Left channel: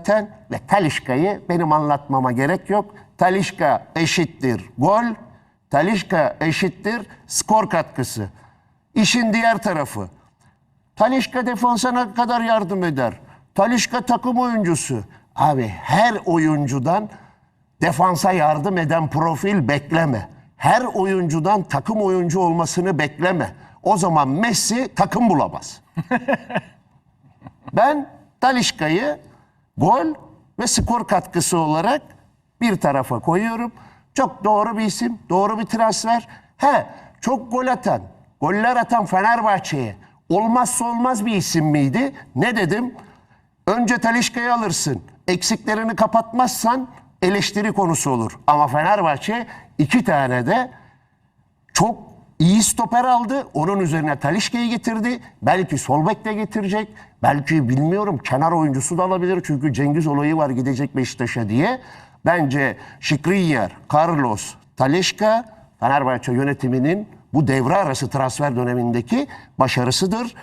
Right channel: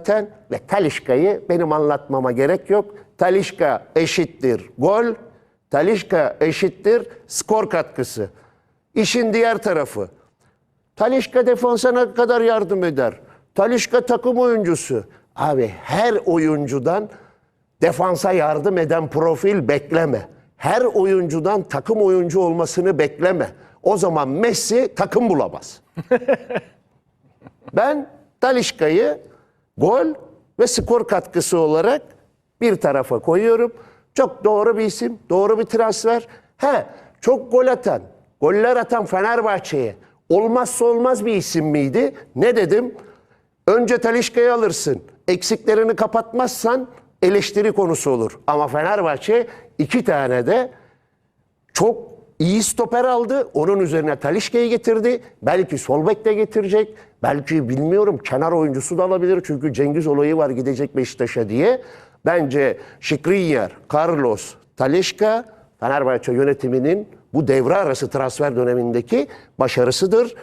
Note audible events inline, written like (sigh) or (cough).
zaten ve Talişka'yı benim anlatmama gerek yok. Talişka eşittir gol, Talişka eşittir skor katkısı. İşin diğer tarafı. Talişka defansa ne kadar yardım eder? Talişka takım oyuncusu. Abi her oyuncudan defansa yardım eden profil bekleme. Her oyuncudan takım oyuncu olmasını bekleme. O zaman Messi takım bulamaz. (laughs) Ben Talişka'yı gol ve skor katkısı olarak bir tarafa koyuyorum. Çok doğru bir isim, doğru bir transfer. He, çok gol atan, goller atan Fenerbahçe'ye olmazsa olmaz bir isim miydi? Ne dedim? Önce Talişka'yı alırsın. Eksiklerini kapatmazsan eleştiri konusu olur. Ama Fenerbahçe iki tane de çok iyi stoper aldı. Onun üzerine Talişka'yı getirdi. Belki sol bek de getirecek. Belki bilmiyorum kenar oyuncusu da alabilir. Çünkü Cengiz olayı var gidecek Beşiktaş'a diye. Bence Şikrinyar, Carlos, Talişka Fenerbahçe yönetiminin bu devre arası transfer dönemindeki başarısıdır.